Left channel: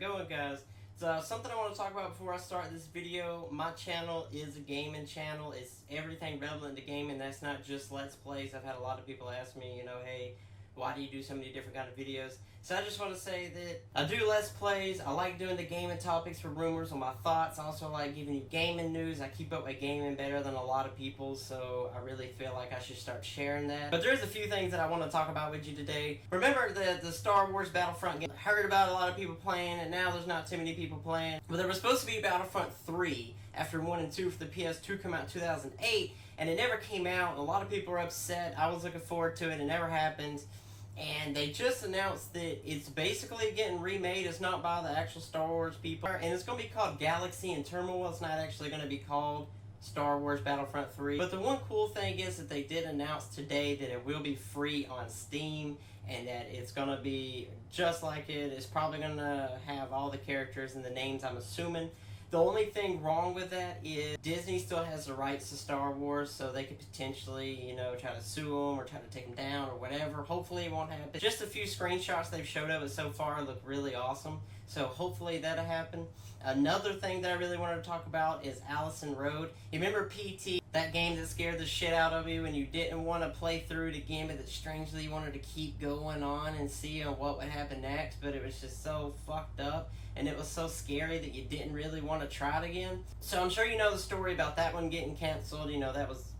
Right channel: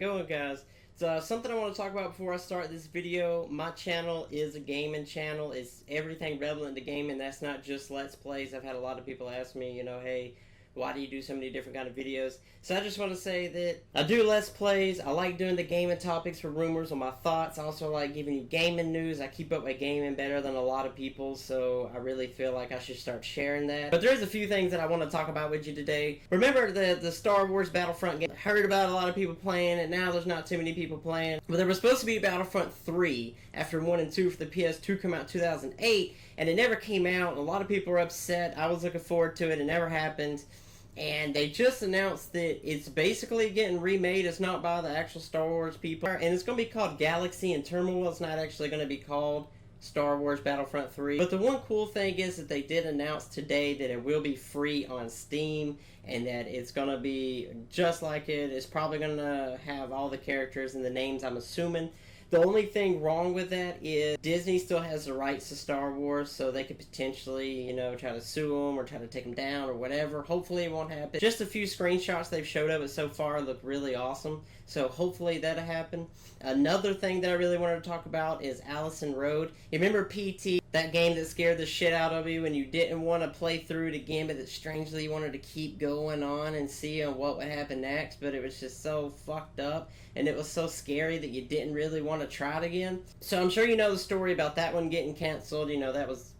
it going, guys? So something I want to talk about before I start this video. My channel is a gaming channel. It's everything relevant to gaming. That's not just Let's Plays. I've had a lot of people ask me, hey, why do you do so many different kind of videos? So I just want to say that I do Let's Plays. I like doing the gaming topics for rumors on my thoughts. I also like giving you gaming news. I keep up with gaming better than a lot of people, so I really feel like I should start sharing that. But there's a few things that I want to talk about with you today. Remember the Star Wars Battlefront game? I heard about a lot of people playing it. Now there's not too many people playing. But there was supposed to be Battlefront 3 after 1 and 2 for the PS2 come out in 2008, and it never came out. A lot of people were upset. I was looking forward to it. It never happened. And they just announced that it's basically getting remade. It's not by the actual Star Wars people. And it's going to be called Galaxy and Turmoil. It's not actually going to be called Star Wars Battlefront 3. But the one cool thing is that they did announce today that it will be free on Steam. And that it's going to be just like it. It's probably going to have all the characters and the names, I'm assuming. The only thing wrong with that is Disney still has the rights to Star Wars, so they could potentially, try to sue them or try to take them down or whatever. Hopefully it won't happen. Just a few screenshots they've showed of it so far look really awesome, so hopefully that'll happen. Another thing that I really wanted to talk about is Allison Road. You remember PT, that game that scared the shit out of you and you didn't want to play through it again, but that strangely you wanted to keep going on and see what would happen next, but it was just so fucked up. And it was so scary that you didn't really want to try it again. So I'm sure you know the story about that one getting canceled. That was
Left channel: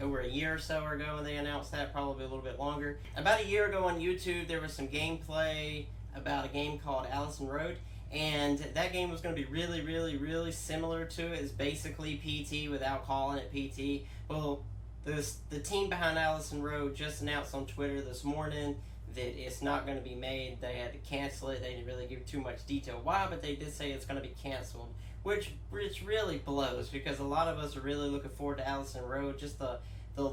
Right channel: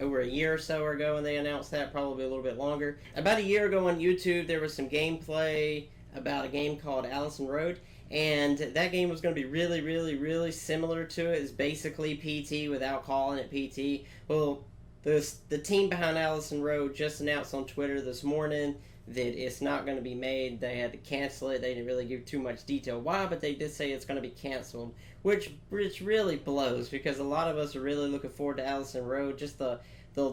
over a year or so ago, and they announced that, probably a little bit longer. About a year ago on YouTube, there was some gameplay about a game called Allison Road. And that game was going to be really, really, really similar to it. It's basically PT without calling it PT. Well, the team behind Allison Road just announced on Twitter this morning that it's not going to be made. They had to cancel it. They didn't really give too much detail why, but they did say it's going to be canceled, which really blows, because a lot of us are really looking forward to Allison Road. Just the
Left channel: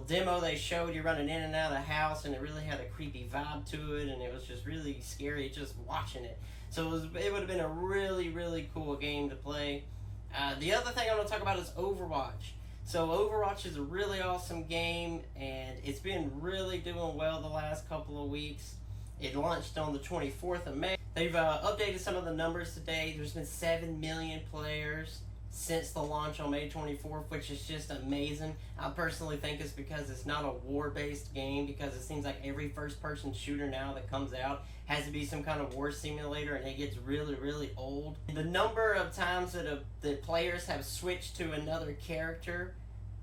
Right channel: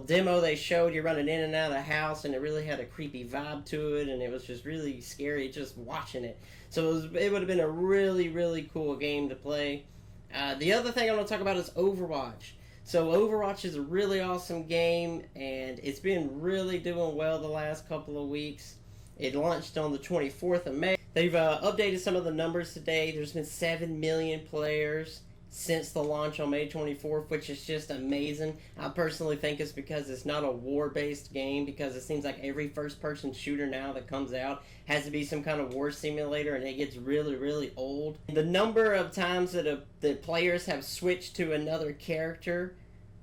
demo they showed, you're running in and out of the house, and it really had a creepy vibe to it, and it was just really scary just watching it. So it would have been a really, really cool game to play. The other thing I'm going to talk about is Overwatch. So Overwatch is a really awesome game, and it's been really doing well the last couple of weeks. It launched on the 24th of May. They've updated some of the numbers today. There's been 7 million players since the launch on May 24th, which is just amazing. I personally think it's because it's not a war-based game, because it seems like every first-person shooter now that comes out has to be some kind of war simulator, and it gets really, really old. The number of times that players have switched to another character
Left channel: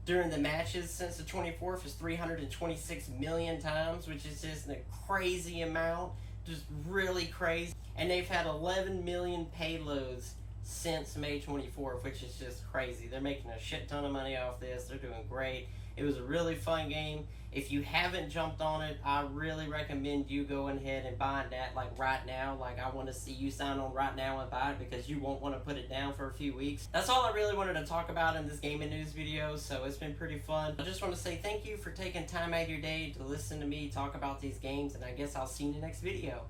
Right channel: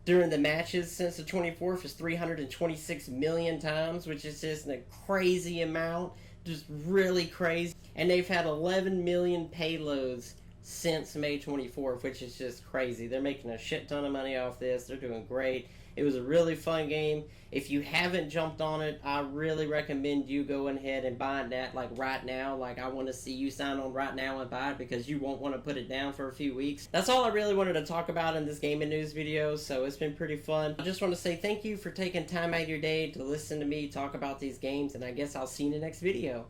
during the matches since the 24th is 326 million times, which is just a crazy amount, just really crazy. And they've had 11 million payloads since May 24th, which is just crazy. They're making a shit ton of money off this. They're doing great. It was a really fun game. If you haven't jumped on it, I really recommend you going ahead and buying that right now. I want to see you sign on right now and buy it, because you won't want to put it down for a few weeks. That's all I really wanted to talk about in this gaming news video, so it's been pretty fun. I just want to say thank you for taking time out of your day to listen to me talk about these games, and I guess I'll see you in the next video.